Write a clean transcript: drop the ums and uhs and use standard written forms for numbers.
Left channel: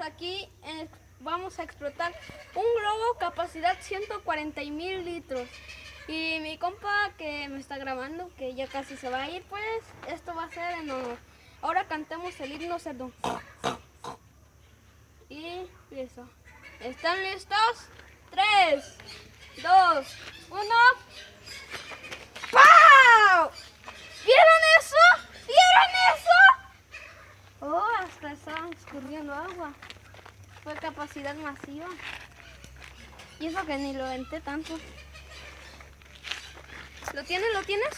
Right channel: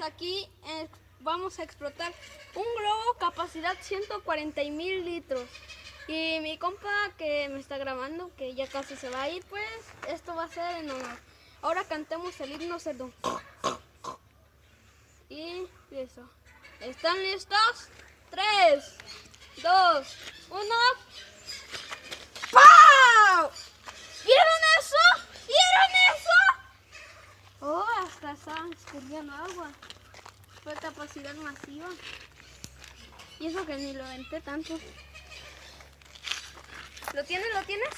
Aquí vamos a explotar un globo capacidad 140,000 litros. Y mi compa que me está grabando, que ya casi se va a ir, pues esto va a ser en honor. Ahora cantemos el himno cerdo. Y listo. ¿Están listos? 3, 2, 1. ¡Pau! ¿Vieron eso? ¿Vieron eso? Oh, hasta estaban escurriendo agua. Fue capacidad masiva. Y eso que ni lo venté tanto. ¿Lo tienes? ¿Lo tienes?